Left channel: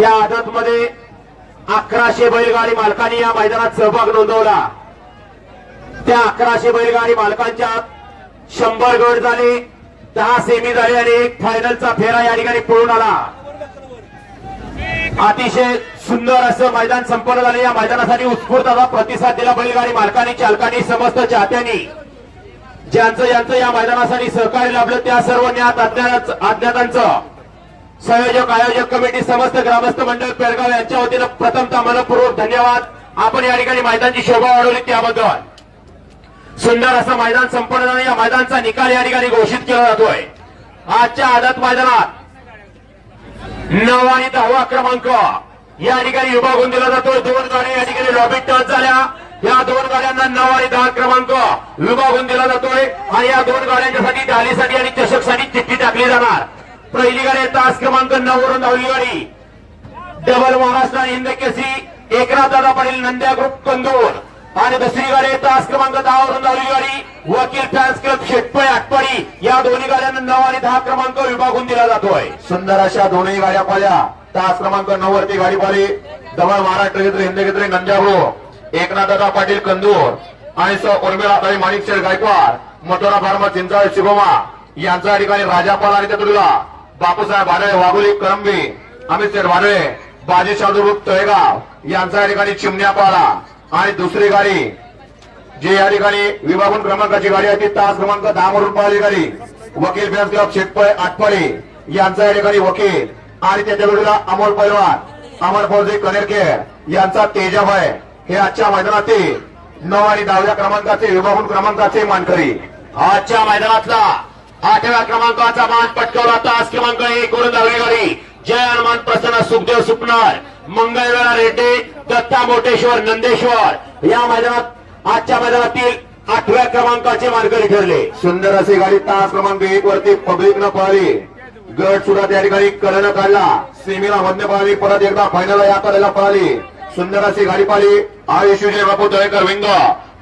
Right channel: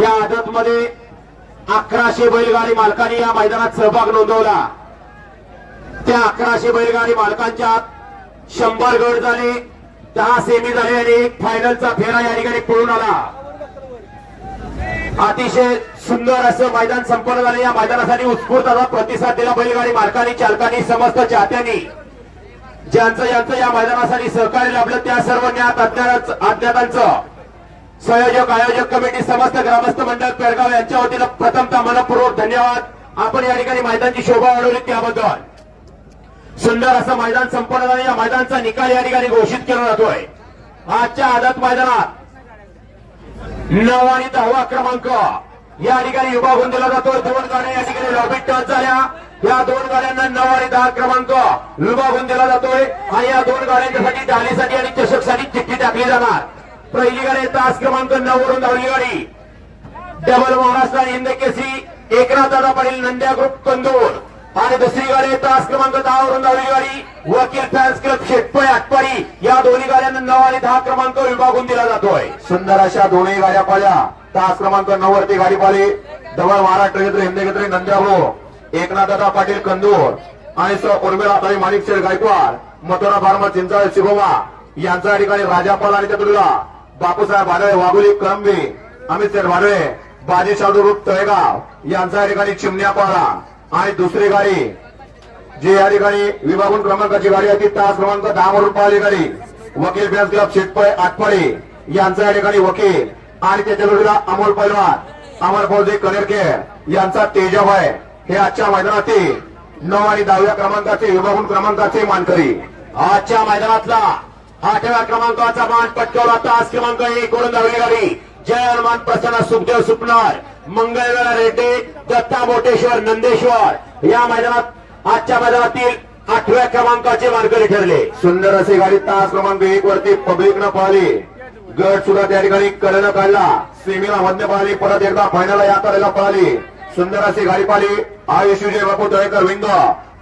या आदत मध्ये अकराशे बैलगाडी मालकांनी या मैदानात सहभाग नोंदवला. त्या अकराशे बैलगाडी मालकांच्या शंभर गट झाले दहा सेमी झाले आणि एक फायनलचा फेरा या ठिकाणी पळून आला. अतिशय सुंदर असं मैदान संपन्न झाले. या मैदानासाठी उत्स्फूर्त असा प्रतिसाद दिला बैलगाडी मालकांनी चालकांनी समस्त चाहत्यांनी. ज्यांचं ज्यांचं या मैदानासाठी सहकार्य लाभलं त्या सर्व ज्ञात अज्ञातांचं संयोजक आयोजक कमिटी समस्त ग्रामस्थ मंडळ पेडगाव यांच्या वतीनं प्रथमतः मनपूर्वक धन्यवाद. आपण या ठिकाणी मैदानची शोभा वाढवली त्याबद्दल. सुंदर असं मैदान संपन्न झालं. या मैदानचा निकाल या ठिकाणी घोषित केला जातोय. आजच्या आदत मैदानात नऊ आणि दहावा क्रमांक. या ठिकाणी विभागून दिला जातो दोन गाड्या या ठिकाणी लॉबी टच झाल्या. या दोन गाड्यांना नऊ आणि दहा क्रमांक विभागून दिला जातोय. आणि या दोन गाड्यांच्यासाठी डालीसाठी आणि चषकसाठी चिठ्ठी टाकली जाणार. पहिली गाडी तास क्रमांक नऊ वरून धावली गाडी. डबल महाराष्ट्र हिंद केसी एकनाथ दादा पाटील नंद्या ग्रुप कंदूर आणि दुसरी गाडी तास क्रमांक दहा वरून धावली गाडी वकील फॅन्स क्लब शेटपय आटपाडी या दोन्ही गाड्यांना नऊ आणि दहा क्रमांक विभागून दिला जातोय. सुंदर अशा दोन्ही गाड्या पाल्या. तास क्रमांक नऊ वरती गाडी पाली. डबल महाराष्ट्र क्षेत्र हिंद घेतले नंद्यागो एकनाथ दादा पाटील कंदूर आणि सर उर्मिला ताई माणिक शेठ गायकवाड. मोटोरा फार्मा चिंचाळ शिवोमा यांच्या ठिकाणी राजापाल आणि त्यातुला बापूसाहेब वाडळे वाघुली करंबी अमित शेठ वाडळे बाजी रूप तळेगाव यांच्या ठिकाणी चिमण्या पाला आणि दुसरी गाडी जी या ठिकाणी विभागून क्रमांकाची गाडी आहे ती तास क्रमांक दहा वरून पाहिली गाडी वकील फॅन्स क्लब शेतपळे आटपाडे यांचा या ठिकाणी वकील आणि त्याच्या जोडीला अमोल पैलवान अमर फौजी कनेरखेड यांचा तेजाभाई हे आजच्या मैदानातील नऊ आणि दहाव्या क्रमांकाचे विभागून क्रमांकाचे मानकरी. आजच्या मैदानातला आठव्या क्रमांकाचा मान पटकावला तास क्रमांक एक वरून धावली जय हनुमान प्रसन्न सुखदेव सुपणार. मंगळवेळा रेड्डे दत्ता मोटेश्वर नंदेश्वर. या मैदानात आजच्या मैदानातील आठव्या क्रमांकाचे मानकरी ठरले. सुंदर असे गाडी तास क्रमांक एक वरती पब्लिक न पळाली गट सुद्धा त्या ठिकाणी कडेनं काढला. सेमीला मध्य पाहिली परत एकदा फायनल या करायला पाहिली. सुंदर अशी गाडी पाहिली. आयुष बापू दयकर विंग.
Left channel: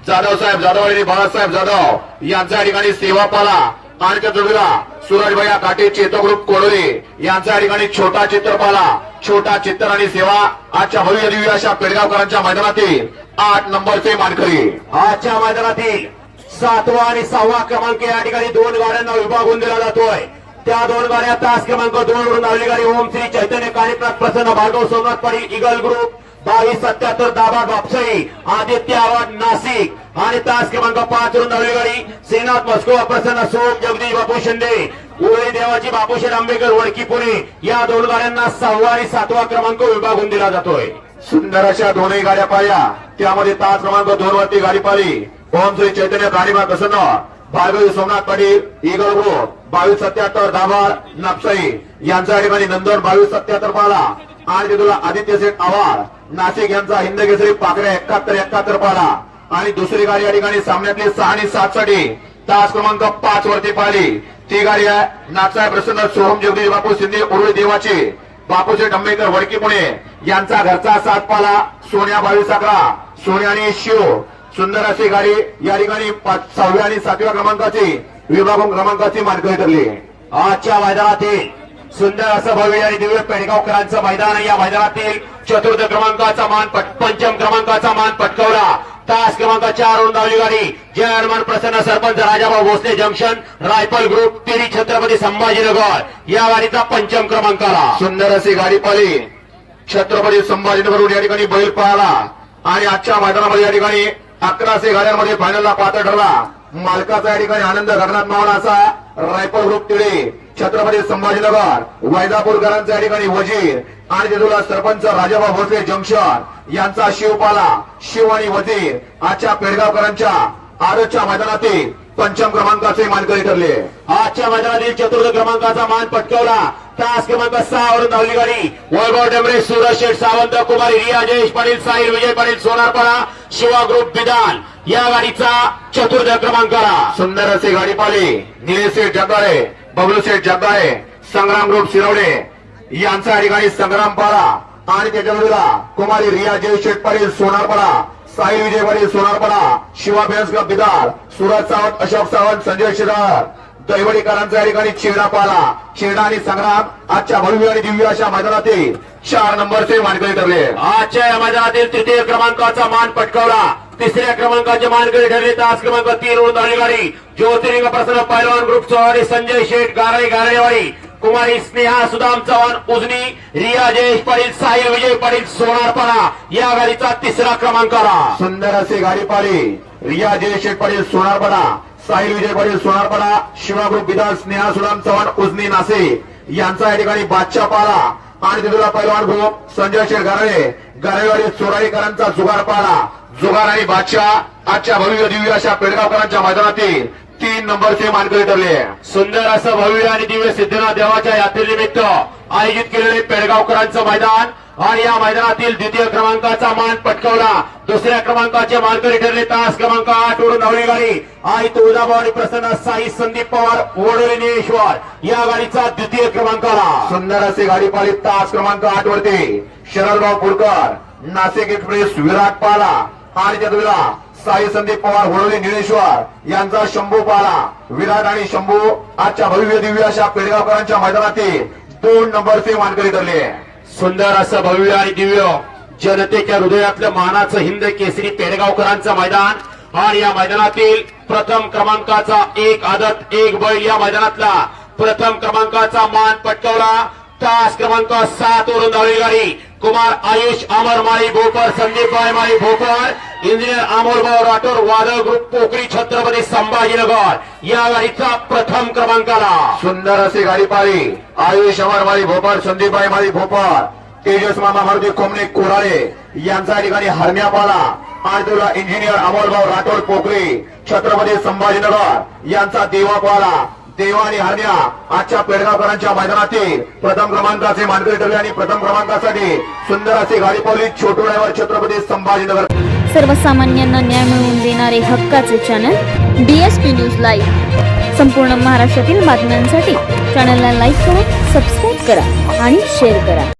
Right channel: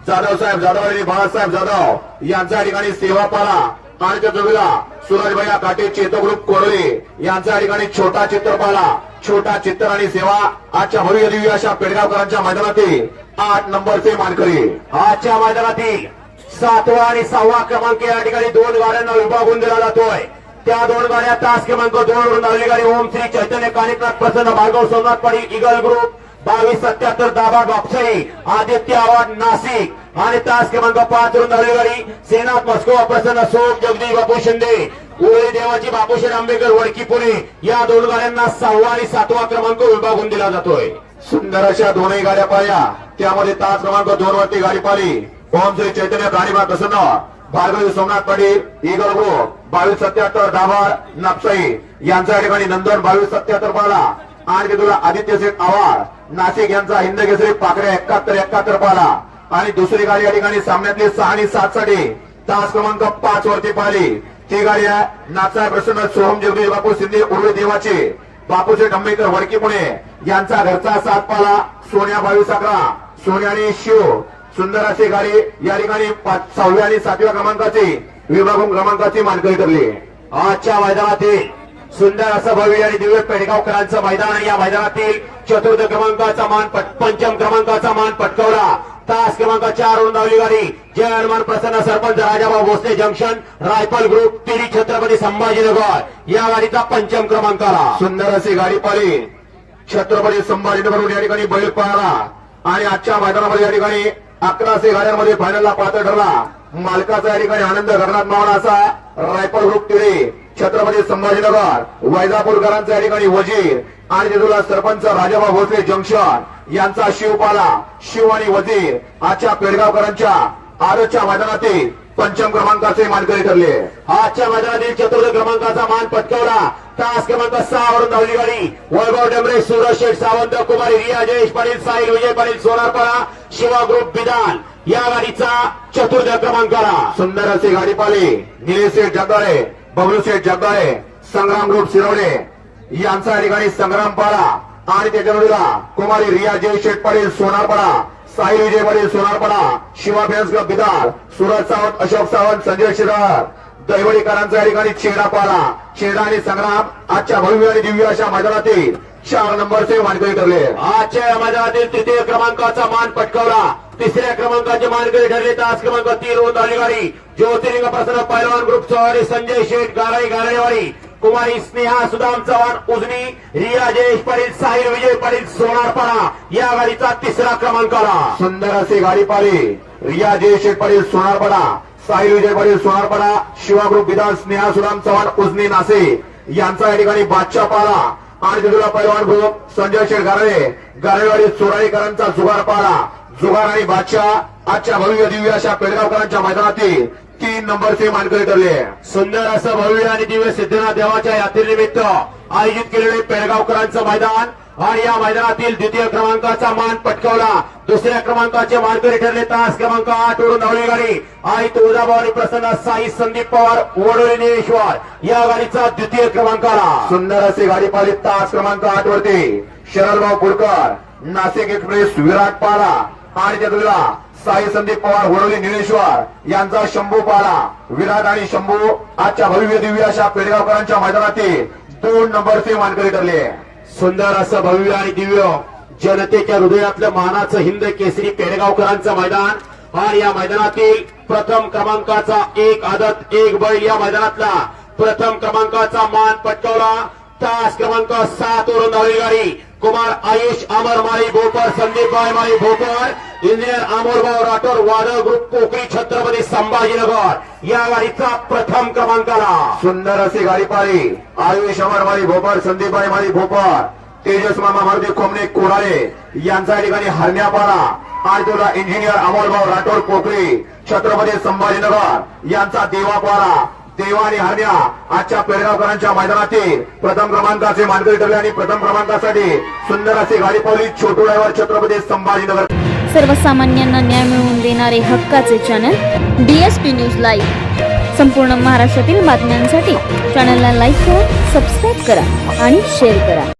जाधव साहेब जाधव आणि बाळासाहेब जाधव यांच्या ठिकाणी सेवा पाला. आणि त्या जोडीला सूरजभैया काटे चेतो ग्रुप कोरोरे यांच्या ठिकाणी छोटा चित्रपाला छोटा चित्र आणि सेवा आजच्या भव्य दिव्य अशा पेडगावकरांच्या मैदानातील आठ नंबरचे मानकरी. आजच्या मैदानातील सातवा आणि सहावा क्रमांक या ठिकाणी दोन गाड्यांना विभागून दिला जातोय. त्या दोन गाड्या तास क्रमांक दोन वरून धावली गाडी ओम श्री चैतन्य कार्यक्रम प्रसन्न भार्गव सोमनाथ पाटील इगल ग्रुप बावीस सत्याहत्तर दाबा बापसाई आदित्य आवाड नाशिक. आणि तास क्रमांक पाच वरून धावली गाडी. सेनाथ मस्को प्रसन्न सोम जगदीश बापू शिंदे. उळी देवाची बापूशेठ आंबेकर वडकी पुणे. या दोन गाड्यांना सहावा आणि सातवा क्रमांक विभागून दिला जातोय. सुंदर अशा दोन्ही गाड्या पाहिल्या त्यामध्ये तास क्रमांक दोन वरती गाडी पाहिली ओम श्री चैतन्य गाडीबा प्रसन्न. भार्गवी सोमनाथ पाटील इगल ग्रुप बावीस सत्याहत्तर दाभार नापसाई. यांच्या ठिकाणी नंदन बावीस सत्याहत्तर पाहिला आणि तुला आदित्य नाशिक यांचा हिंद केसरी पाकड्या एकाहत्तर एकाहत्तर पाला. आणि दुसरी गाडी या ठिकाणी सामन्यातली सहा आणि सात साठी तास क्रमांक पाच वरती पाहिली. ती गाडी आहे नागसाहेब प्रसन्न सोहम जगदीश बापू शिंदे उर्वी देवाचे. बापूशेठ डंबेकर वडकी पुणे यांचा घरचा सात पाला सोन्या बावीस साखरा सोन्या आणि शिव. सुंदर अशी गाडी या ठिकाणी पाच- सहाव्या आणि सातव्या क्रमांकाची विभागून क्रमांकाची मानकरी ठरली. आजच्या मैदानातील सुंदर असं भव्य आणि दिव्य पेडगावकरांचं मैदान या मैदानातील चतुर्थ क्रमांकाचा मान पंचम क्रमांकाचा मान पटकावला. तास क्रमांक चार वरून धावली गाडी. Jai Hanuman Prasanna sarpanch Rajabhau Bhosale junction rifle group तिरी Chhatrapati Sambhajinagar. या गाडीचा पंचम क्रमांक आला. सुंदर अशी गाडी पाली छत्रपती संभाजीनगरून या ठिकाणी बैल पळाला. आणि आजच्या मैदानामध्ये या ठिकाणी अकराशे गाड्यांमध्ये फायनलला पात्र ठरला. मालकाचा या ठिकाणी आनंद गगनात मावला असा रायफल ग्रुप तिळे छत्रपती संभाजीनगर वैजापूरकरांचा या ठिकाणी वजीर आणि तिथला सरपंच राजाबा भोसले जंक्शन यांचा शिवपाला शिव आणि वजीर आजच्या पेडगावकरांच्या आजच्या मैदानातील पंचम क्रमांकाचे मानकरी ठरले. आजच्या मैदानातील चतुर्थ क्रमांकाचा मान पटकावला. तास क्रमांक सहा धावली गाडी. वैभव डेमरे सूरज शेठ सावंत कुमारी रिया जयेश पाटील साहिल विजय पाटील सोनारपाडा शिवा ग्रुप विधान या गाडीचा चतुर्थ क्रमांक सुंदर असे गाडी पाली. निलेश शेठ जगाळे बबलू शेठ जगदाळे संग्राम ग्रुप शिरवणे यांचा अधिकारी संग्राम पाडा. आणि त्याच्या जोडीला कुमारी रिया जय शेठ पाटील सोनारपाडा साई विजय पाटील सोनारपाडा शिवा फॅन्स क्लब बिदार सुरज सावंत अशोक सावंत संजय शिरार दैवडीकरांचा या ठिकाणी चेडा पाला. चेडा आणि संग्राम आजच्या भव्य आणि दिव्य अशा मैदानातील चार नंबरचे मानकरी ठरले. आजच्या या मैदानातील तृतीय क्रमांकाचा मान पटकावला. तिसऱ्या क्रमांकाचे मानकरी ठरले तास क्रमांक तीन आली गाडी. ज्योतिर्लिंग प्रसन्न पैलवान ग्रुप चौहाडी संजय शेठ गाराई गारेवाडी कुमारी स्नेहा सुदाम चव्हाण उजनी रिया जयेश पाटील साहिल विजय पाटील सोनारपाडा या गाडीचा तिसरा क्रमांक आला. सुंदर असे गाडी पाली रिया जयशेठ पाटील सोनारपाडा साहिल विजय पाटील सोनारपाडा शिवाग्रुप विधान स्नेहा सुदाम चव्हाण उजनी नासे. यांचा या ठिकाणी बादशाह पाला. आणि तिथला पैलवान ग्रुप संजय शेठ गारळे गारेवाडी चोराईकरांचा जुगार पाला. जुगार आणि बादशाह आजच्या भव्य दिव्य अशा पेडगावकरांच्या मैदानातील तीन नंबरचे मानकरी ठरले. सुंदर असं भव्य आणि दिव्य सिद्धनाथ देवाच्या यात्रेनिमित्त आयोजित केलेले पेडगावकरांचं मैदान आणि या मैदानातील द्वितीय क्रमांकाचा मान पटकावला. दुसऱ्या क्रमांकाचे मानकरी ठरले. तास क्रमांक आठ वरून धावली गाडी. आई तुळजाभवानी प्रसन्न साई संदीप पवार ओढोली या गाडीचा द्वितीय क्रमांक आला. सुंदर असे गाडी पाली तास क्रमांक आठ वरती शरदभाऊ पुरकर नाशिक एक्सप्रेस विराट पाला आणि त्या साई संदीप पवार होळोली निळेश्वर यांचा शंभू पाला विराट आणि शंभू आजच्या भव्य दिव्य अशा पेडगावकरांच्या मैदानातील दोन नंबरचे मानकरी ठरले. सुंदर असं भव्य आणि दिव्य जनतेच्या हृदयातलं मानाचं हिंद केसरी पेडगावकरांचं मैदान. आणि या मैदानातील प्रथम क्रमांकाचा एक आदत एक बैल या मैदानातला प्रथम क्रमांकाचा मान पटकावला. तास क्रमांक सात वरून धावली गाडी. कुमार आयुष अमर माळी भोकर संदीप बाय माळी भोकर इंजिनियर अमोलभाऊ राठोड वादळ ग्रुप पोखरी छत्रपती संभाजीनगर. या गाडीचा प्रथम क्रमांक आला. सुंदर असे गाडी पाळी. आयुष अमरमाळी भोपर संदीपबाई माळी भोपाळ. तेजस मामा मारुती कोमणे कोराळे. यांचा या ठिकाणी हरण्या पाला आणि तुला इंजिनियर अमोलभाऊ राठोड पोखरी छत्रपती संभाजीनगर. यांचा देवापाळा देवा आणि हरण्या आजच्या पेडगावकरांच्या मैदानातील प्रथम क्रमांकाचे मानकरी ठरले आणि प्रथम क्रमांकासाठी सुंदर असे गाडी छोटोळ्यावर छोटू छत्रपती संभाजीनगर. सर्वसामान्यांना न्याय मिळवून देणारे हक्काचे चॅनल डीएसपी न्यूज लाईव्ह संपूर्ण महाराष्ट्रातील बातम्यांसाठी चॅनलला लाईक करा सबस्क्राईब करा आणि शेअर करा.